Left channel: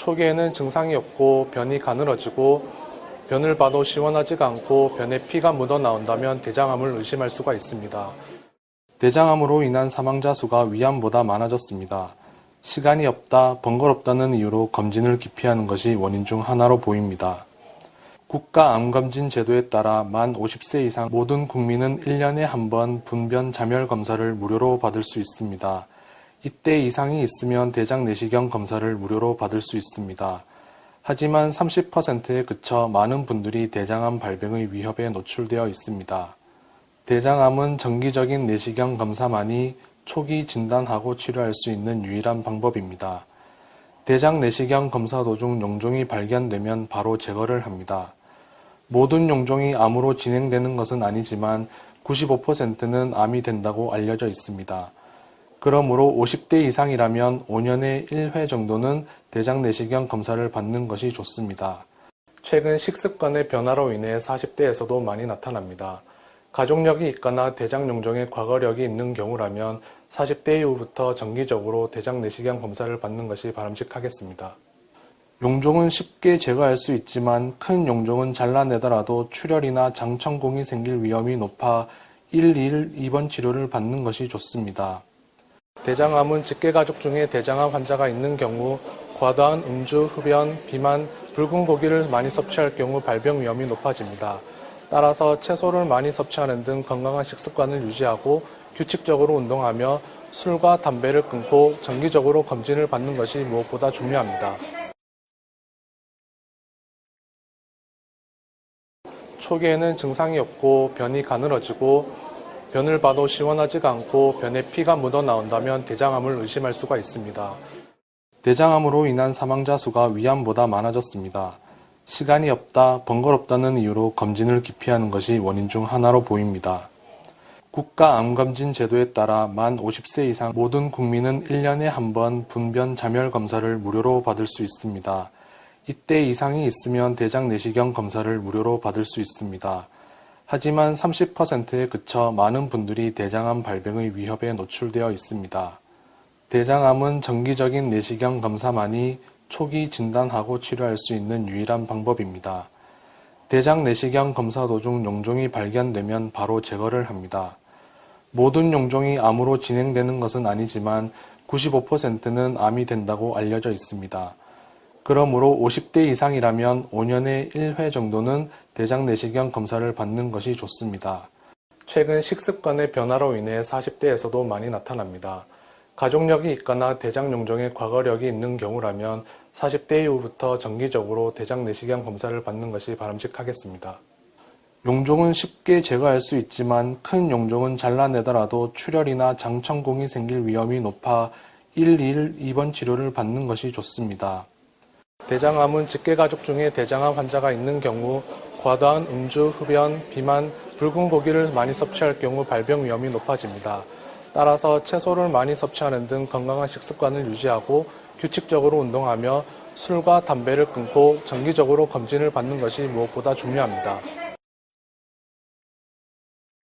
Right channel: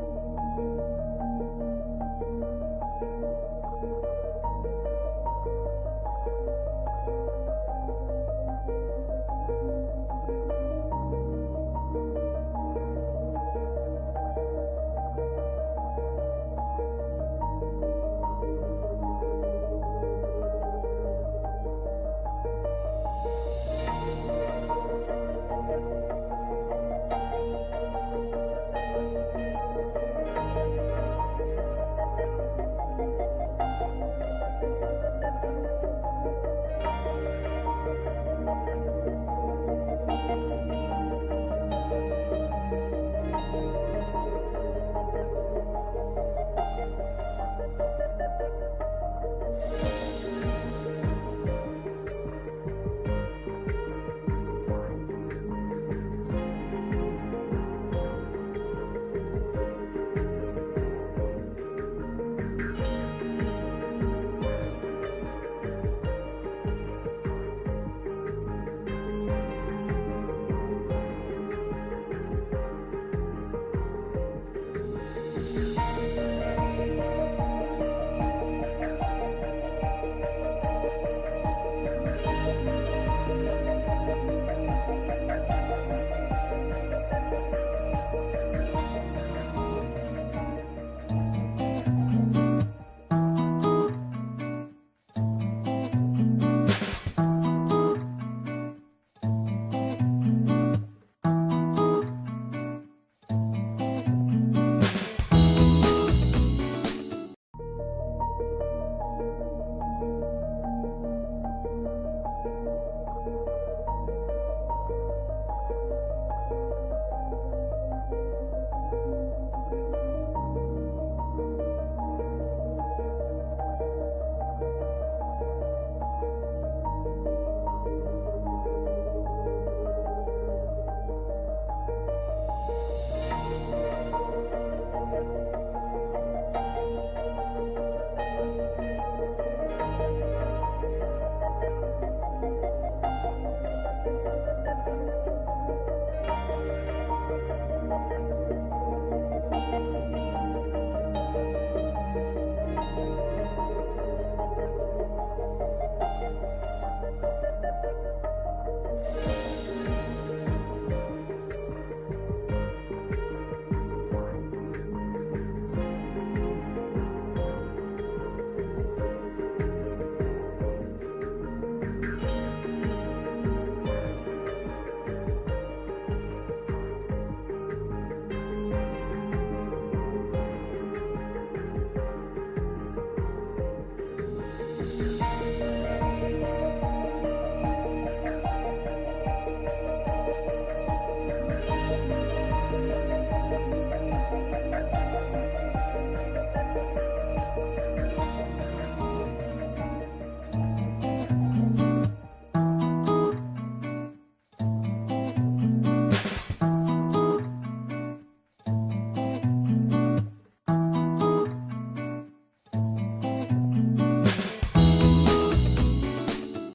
초기에는 증상이 없고 변이 가늘어지고 변을 봐도 시원하지가 않고 변에 피가 묻어 나온다면 대장암을 의심할 수가 있습니다. 대장암으로 인한 사망자 수가 위암보다 많아졌습니다. 시간이 없다, 번거롭다는 이유로 검진을 기피하는 것이 원인 중 하나로 보입니다. 국가암검진 제도에 따라 만 50세 이상 모든 국민은 1년에 한 번 분변 자멸 검사를 무료로 받을 수 있습니다. 이때 이상이 있으면 대장 내시경 검사를 무료로 받을 수 있습니다. 하지만 30%에 그쳐 많은 분들이 대장암 발병의 위협에 노출되어 있습니다. 대장암은 정기적인 내시경 검사만이 초기 진단하고 치료할 수 있는 유일한 방법입니다. 대장 내시경 검사 도중 용종이 발견되면 바로 제거를 합니다. 모든 용종이 암으로 진행되는 것은 아니지만 95%는 암이 된다고 알려져 있습니다. 그러므로 50대 이상이라면 5년에 1회 정도는 대장 내시경 검사를 받는 것이 좋습니다. 최근 식습관의 변화로 인해 40대에서도 많이 나타납니다. 가족력이 있거나 대장 용종의 과거력이 있는 경우라면 40대 이후부터 정기적으로 대장 내시경 검사를 받는 것이 바람직하겠습니다. 용종은 쉽게 제거할 수 있지만 큰 용종은 잘라내더라도 출혈이나 장천공이 생길 위험이 높아 121 입원 치료를 받는 것이 좋습니다. 대장암은 직계가족 중에 대장암 환자가 있는 경우 과다한 음주, 흡연, 비만, 붉은 고기를 많이 섭취할 경우 발병 위험이 높아집니다. 따라서 채소를 많이 섭취하는 등 건강한 식습관을 유지하고 규칙적으로 운동하며 술과 담배를 끊고 정기적으로 검진을 받는 것이 무엇보다 중요합니다. 초기에는 증상이 없고 변이 가늘어지고 변을 봐도 시원하지가 않고 변에 피가 묻어 나온다면 대장암을 의심할 수가 있습니다. 대장암으로 인한 사망자 수가 위암보다 많아졌습니다. 시간이 없다, 번거롭다는 이유로 검진을 기피하는 것이 원인 중 하나로 보입니다. 국가암검진 제도에 따라 만 50세 이상 모든 국민은 1년에 한 번 분변 자멸 검사를 무료로 받을 수 있습니다. 이때 이상이 있으면 대장 내시경 검사를 무료로 받을 수 있습니다. 하지만 30%에 그쳐 많은 분들이 대장암 발병의 위협에 노출되어 있습니다. 대장암은 정기적인 내시경 검사만이 초기 진단하고 치료할 수 있는 유일한 방법입니다. 대장 내시경 검사 도중 용종이 발견되면 바로 제거를 합니다. 모든 용종이 암으로 진행되는 것은 아니지만 95%는 암이 된다고 알려져 있습니다. 그러므로 50대 이상이라면 5년에 1회 정도는 대장 내시경 검사를 받는 것이 좋습니다. 최근 식습관의 변화로 인해 40대에서도 많이 나타납니다. 가족력이 있거나 대장 용종의 과거력이 있는 경우라면 40대 이후부터 정기적으로 대장 내시경 검사를 받는 것이 바람직하겠습니다. 용종은 쉽게 제거할 수 있지만 큰 용종은 잘라내더라도 출혈이나 장천공이 생길 위험이 높아 121 입원 치료를 받는 것이 좋습니다. 대장암은 직계가족 중에 대장암 환자가 있는 경우 과다한 음주, 흡연, 비만, 붉은 고기를 많이 섭취할 경우 발병 위험이 높아집니다. 따라서 채소를 많이 섭취하는 등 건강한 식습관을 유지하고 규칙적으로 운동하며 술과 담배를 끊고 정기적으로 검진을 받는 것이 무엇보다 중요합니다.